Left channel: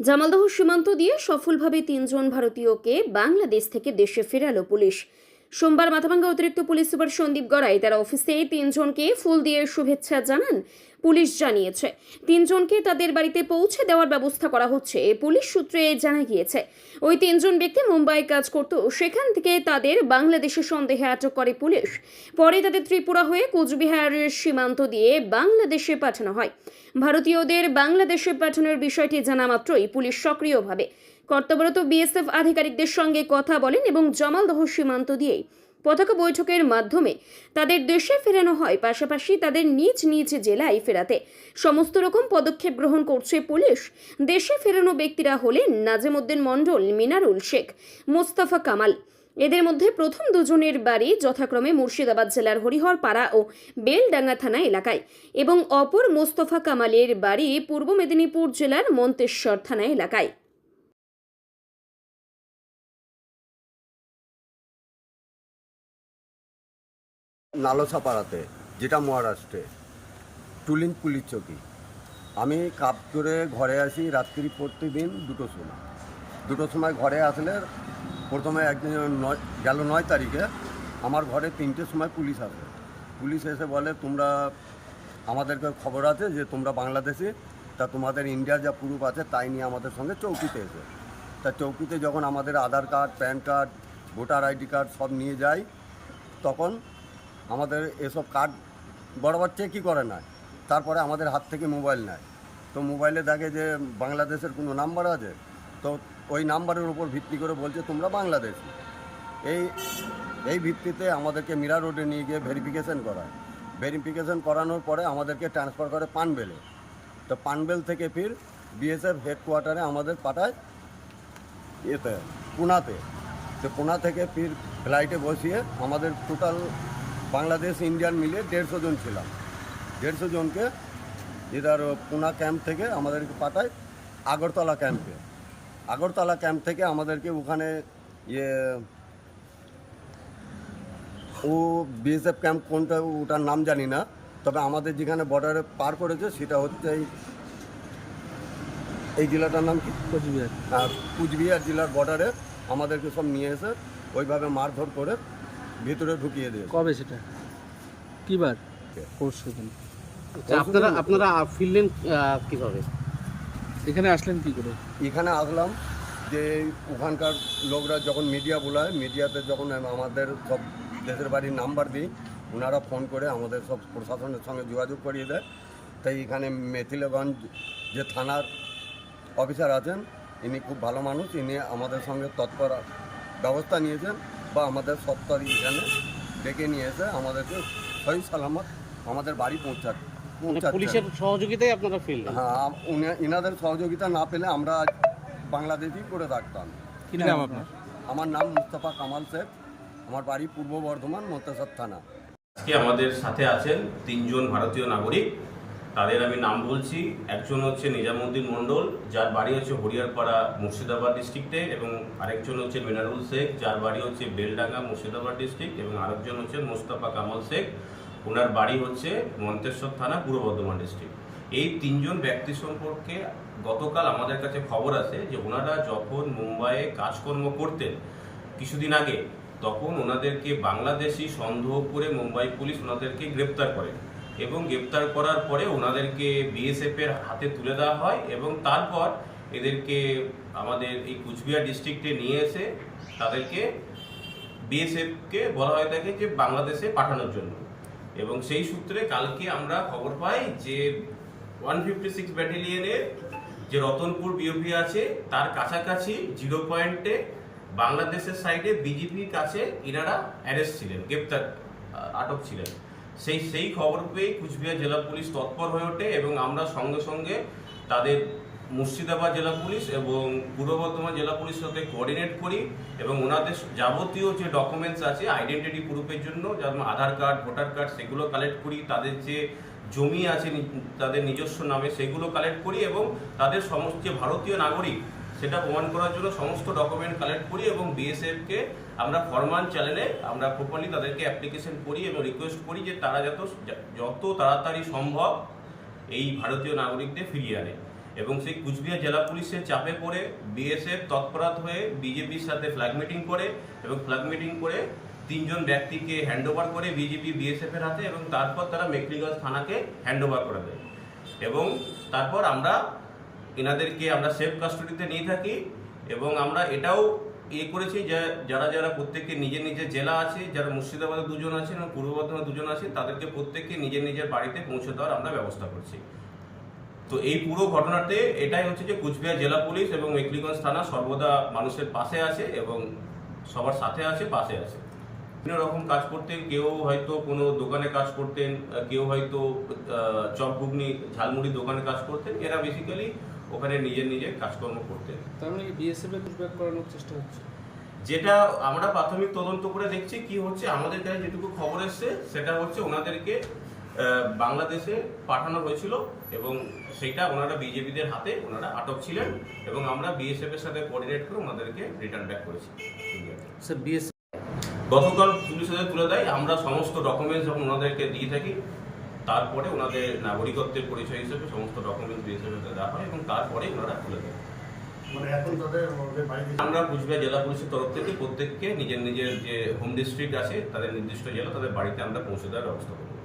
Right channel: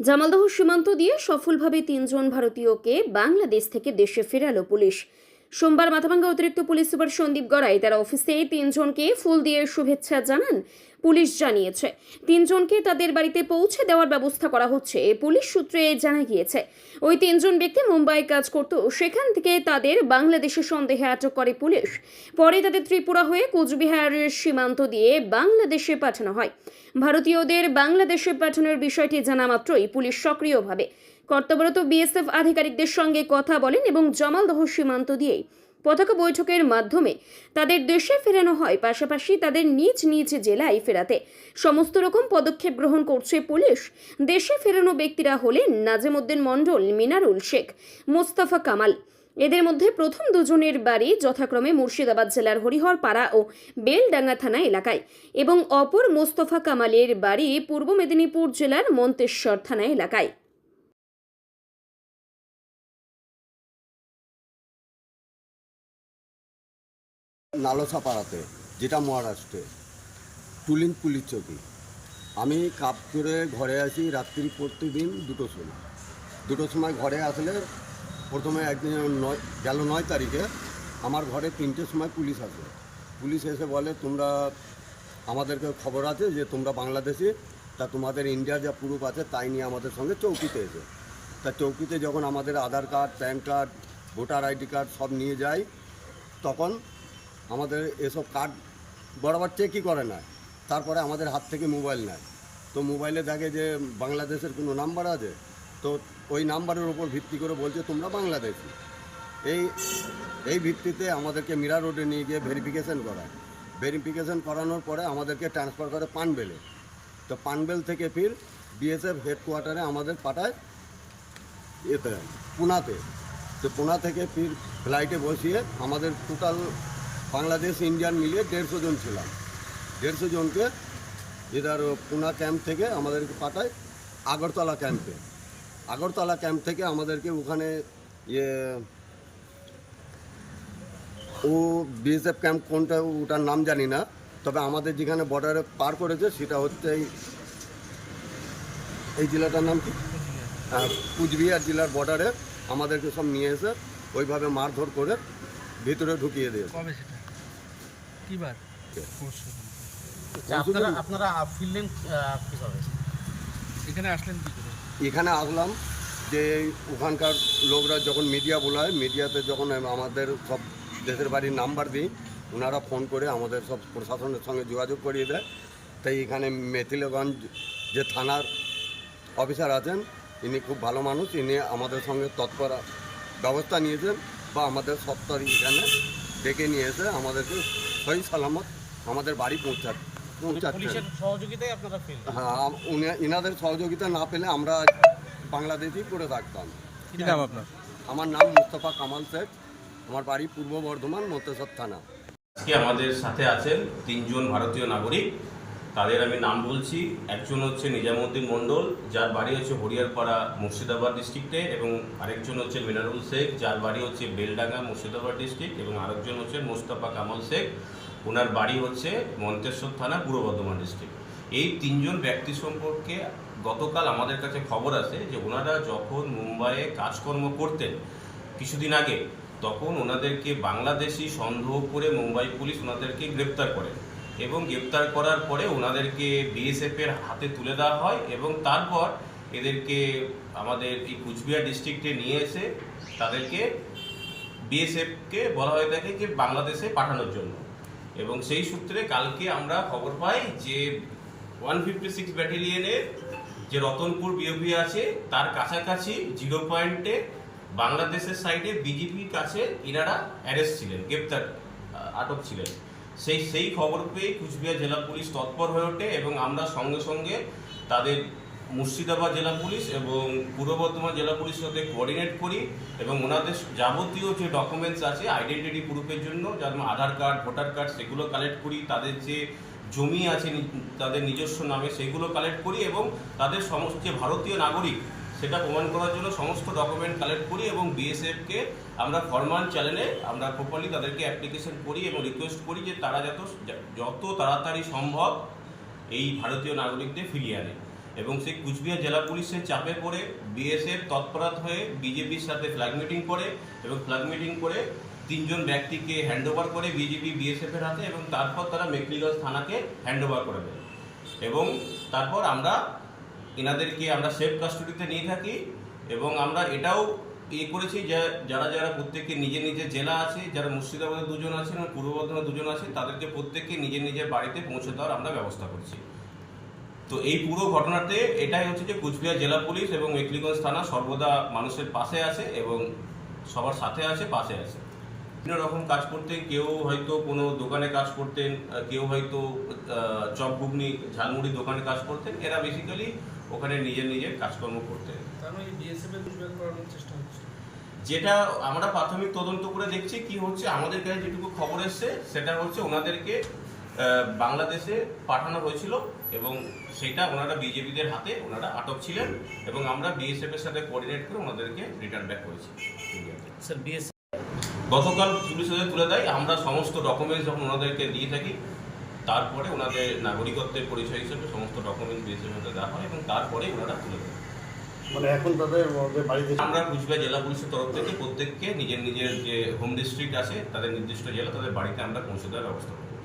জামালদহ সীমান্ত দিয়ে সফলভাবে তিনজন ভারতীয়কে বাংলাদেশ থেকে দেশে ফেরালো পুলিশ। সোমবার মাথাভাঙ্গা অতিরিক্ত পুলিশ সুপার সন্দীপ গড়াই তার অফিসে তিনজনকে ফুল দিয়ে শুভেচ্ছা জানান পুলিশ জানিয়েছে। তিনজনকে তাদের বাড়িতে পৌঁছে দেওয়ার ব্যবস্থা করা হচ্ছে পুলিশ সূত্রে জানা গিয়েছে। ওই তিনজন ব্যক্তি মুম্বাই কাজ করত, সেখান থেকে তাদের বাংলাদেশে সন্দেহে আটক করে পুলিশ। পরে তাদের ত্রিপুরা হয়ে কোচবিহারের সীমান্ত দিয়ে বাংলাদেশে পাঠানো হয়। ভারতীয়দের বাংলাদেশে পাঠানোর বিষয়টি জানা মাত্রই পুলিশ সক্রিয়ভাবে কর্তব্যরত বিএসএফ আধিকারিকদের সঙ্গে কথা বলেন এবং জামালদহ সীমান্ত দিয়েই পতাকা বৈঠকের মাধ্যমে তাদের দেশে ফেরানো হয়। পাশাপাশি তাদের নিজ নিজ জেলায় ফেরাতে সমস্ত রকম পদক্ষেপ গ্রহণ করছে পুলিশ। দেশে ফেরানো ব্যক্তিরা হলেন নাজিমুদ্দিন মণ্ডল, মিনারুল শেখ, মোস্তফা কামাল। এদের মধ্যে প্রথম দুজনের বাড়ি যথাক্রমে মুর্শিদাবাদ জেলার হরিহরপাড়া ও বেলডাঙ্গা থানা এলাকায় এবং অপর মোস্তফা কামালের বাড়ি পূর্ব মেদিনীপুর জেলার মন্তেশ্বর থানা এলাকায়। নালসাপাড়াতে যেটা মহারাষ্ট্রে টুলিং পুলিশ চৌকি। আমি কাপ করে ঘরে আসি রাত্রি প্রতিদিন দুটো সময়। দুটো সময় ঘরে আসলে প্রথমে একদিন নয়, গেল নয় তারিখে আমার ঘরে তিনটের সময় পুলিশ আসে। পুলিশ এসে বলে, তোমরা, আমাদেরকে খবর আছে যে তোমরা বাংলাদেশি, তা তোমাদের ইন্ডিয়ার যা প্রুফ আছে তাই নিয়ে আমাদের সঙ্গে চৌকিতে এসে। তা চৌকিতে যখন আমাদের Aadhaar card, PAN card, voter ID card সব নিয়ে যাই, তখন আমাদের এসব কার্ড বরাবর চেকই করে না তারপরে আমাদের হাত থেকে মোবাইল নেয়। তো মোবাইলে দেখে যে বাংলাদেশের কোনো নাম্বার আছে, তো ওই নাম্বারের উপর ভিত্তি করে বলছে, তোমরা বাংলাদেশি। এই এই ভিত্তিতে আমাদেরকে মীরা রোডে নিয়ে গিয়ে ভেরিফিকেশন করায়। ভেরিফিকেশন করানোর পরে আমাদেরকে ট্রান্সফার করে পানবেলে। তো পানবেল থেকে ফির বিএসএফ হেডকোয়ার্টারে আমাদের পাঠায় এতে পুনাতে। তো পুনা থেকে ফির ফ্লাইটে বসিয়ে আমাদের টোটাল বাংলাদেশ ইন্ডিয়ান মিলিয়ে দেড়শো জন ছিলাম। দেড়শো জনকে এদার পুনা ক্যাম্প থেকে আমাদেরকে পাঠায় আগরতলা ক্যাম্পে। আগরতলা ক্যাম্প থেকে আমাদেরকে ওখানে ইয়ে ও বিএসএফ ক্যাম্প কোনটা ওটার নাম জানি না। তবে আমাদের যেখানে বর্ডারে পার করেছে সেটা হচ্ছে এই এই জেলাটার নাম কি? হ্যাঁ, কুচবিহার জেলার বর্ডারে আমাদেরকে সব নিয়ে এসে ওইভাবে মারধর করে ভিতরে ঢুকিয়ে দিয়েছে কবে সেটা? কিবার? কে? পরশু দিন। আপনারা আপনারা ফিরলেন কীভাবে? এখানে আসলেন কি করে? এখানে আসলাম যে ওখানকার লোকরা যখন মিডিয়া বোলায় মিডিয়াতে যখন আমাদের সব দেশের বাড়ির নাম্বার দিই ওনারা ফোন করে আমাদের সব প্রশাসনের সঙ্গে যোগাযোগ করিয়ে দেয়। তাই এখানে মেথিলগঞ্জ যে থানার অফিসার আছেন ইনি খুব ভালো মানুষ ইনি আমাদের সঙ্গে তৎপর ব্যবস্থা নিয়েছেন। বা আমাদের সত্তর এখানে ডেকে নিয়ে এসে আমাদেরকে সহি সালামত আমাদের বাড়ি পৌঁছা পৌঁছাচ্ছেন। পুলিশের সহযোগিতায় আপনারা হ্যাঁ আম- সহযোগিতা না পেলে আমরা বাংলাদেশেই পড়ে থাকতাম। কি নাম? আপনার? আমার নাম মুস্তফা কামাল শেখ আমার বাড়ি পূর্ব বর্ধমান মন্তেশ্বর থানা। আজকে আমাদের সাথে আছেন তিনজন ভারতীয় নাগরিক। তাদের আমি নাম বলছি। একজন হচ্ছে নিজামুদ্দিন মণ্ডল, যার বাড়ি হচ্ছে হরিয়ারপাড়া মুর্শিদাবাদ ডিস্ট্রিক্টে এবং আরেকজন হচ্ছে মিনারুল শেখ, যার বাড়ি হচ্ছে বেলডাঙ্গা মুর্শিদাবাদ ডিস্ট্রিক্ট এবং আরেকজন হচ্ছে মোস্তফা কামাল শেখ। ওনার বাড়ি হচ্ছে মন্তেশ্বর থানা, পূর্ব বর্ধমান ডিস্ট্রিক্ট এই তিনজন ব্যক্তি সম্পর্কে গতকাল আমাদের কাছে খবর আছে যে ওনারা যখন মুম্বাইয়ে কাজকর্ম করতেন কিছুদিন আগে, তখন ওনাদেরকে বাংলাদেশি সন্দেহ করে মুম্বাই পুলিশ ওনাদেরকে গ্রেপ্তার করেন। এবং গ্রেপ্তার করার পরে ওনাদেরকে বিএসএফ এর হাতে তুলে দেওয়া হয় এবং তারপর এদেরকে আমাদের এই কুচবিহার ডিস্ট্রিক্টে নিয়ে এসে তাদেরকে বিএসএফকে বলা হয়ে থাকে যে বাংলাদেশে পাঠানোর জন্য। এবং সেই সূত্রে কালকে আমরা খবর পাই যে ওয়ান ফিফটি সিক্স ব্যাটালিয়নের যে রতনপুর বিওপি আছে, তার কাছাকাছি জিরো পয়েন্টে বাংলাদেশের সাইডে বিজেপির কাছে ইনারা অ্যারেস্ট ছিলেন, গ্রেপ্তার আটক ছিলেন। সেই সেই খবর পেয়ে কুচবিহার জেলা পুলিশ তৎপর হয়ে ওঠে এবং আমরা সঙ্গে সঙ্গে তাদের মুর্শিদাবাদ জেলা পুলিশ এবং পূর্ব বর্ধমান জেলা পুলিশের সাথে কোঅর্ডিনেট করি এবং ওনাদের যাবতীয় যে ডকুমেন্টস আছে আইডেন্টিটি প্রুফের জন্য, যেমন আধার কার্ড ভোটার কার্ড সেগুলো কালেক্ট করি, তাদের যে জমি আছে তাদের নিজস্ব নামে সেগুলো কালেক্ট করি এবং তাদের সমস্ত ভারতীয় নাগরিক সেটা প্রমাণ করার জন্য সমস্ত ডকুমেন্ট কালেক্ট করি এবং বিএসএফকে আমরা ফরমান চ্যানেলে আমরা প্রপারলি তাদেরকে অ্যাপ্লিকেশন করি এবং রিকোয়েস্ট করি যে তারা যত যত তাড়াতাড়ি সম্ভব এই ভারতীয় নাগরিকদের ফিরিয়ে আনে। এবং সেই কুচবিহার জেলা পুলিশের চাপে পড়ে বিএসএফ তৎপরাত হয়ে বিজেপির সাথে ফ্ল্যাগ মিটিং করে এবং ফ্ল্যাগ মিটিং করে তিনজন ব্যক্তিকে হ্যান্ডওভার করে বিজেপি বিএসএফের হাতে এবং তারপর তারা মেকলিগঞ্জ থানাকে হ্যান্ডওভার করে দেয়। এবং তারপর আমরা এনাদেরকে আমরা সেফ কাস্টডিতে নিয়ে থাকি এবং আমরা এটাও ইয়ে করেছি যে যারা যারা প্রত্যেকে নিজের নিজের জেলা আছে, যারা মুর্শিদাবাদে দুজন আছেন এবং পূর্ব বর্ধমানে দুজন আছেন তাদেরকে প্রত্যেককে নিজের নিজের বাড়িতে পৌঁছে দেওয়ার আমরা ব্যবস্থা করছি। তো এই পুরো ঘটনাতে এটাই হচ্ছে যে কুচবিহার জেলা পুলিশ এবং মেকলিগঞ্জ থানা সর্বদা মানুষের পাশে আছে এবং সবার সাথে আছে, পাশে আছে। বিভিন্ন রকম কাজ করতেন, কেউ হয়তো কোনো দোকানে কাজ করতেন, কেউ হয়তো চপ ঘুগনি ঝালমুড়ি দোকানে কাজ করতেন, এরা বেসিক্যালি ওখানে নিজের নিজের কাজকর্ম করতেন হচ্ছে? যেটা আমরা প্রাথমিক তদন্ত করে দেখছি কি হচ্ছে আমাদের কাছে যেটুকু খবর এসছে সেটা হচ্ছে ওনাদেরকে বাংলাদেশে পাঠানো হয়েছিল এবং সেটা ওনারা বিজেপিদের হাতে ওনারা আটক ছিলেন এবং আমরা বিএসএফ এর সাথে কোঅর্ডিনেট করে ওনাদেরকে রিটার্ন ব্যাক করেছি ইন্ডিয়াতে স্যার বিএসএফ গতকাল পুলিশ তুলে দেয় আমরা সমস্ত ডকুমেন্টস যখন ওনাদেরকে দিয়ে থাকি তারপরে ওনাদের নাগরিকত্বের পরিচয় হিসেবে সমস্ত ডকুমেন্টস বিএসএফ হাতে দেওয়া হয় এবং তারপরে ওনারা তুলে দেয় মানে এখন তাদের ওদের আমরা কুচবিহার জেলা পুলিশের তরফ থেকে প্রত্যেককে নিজের নিজের যে হোম ডিস্ট্রিক্ট আছে তাদের নির্দিষ্ট জেলা তাদের বাড়িতে আমরা পৌঁছে দেওয়ার ব্যবস্থা করব।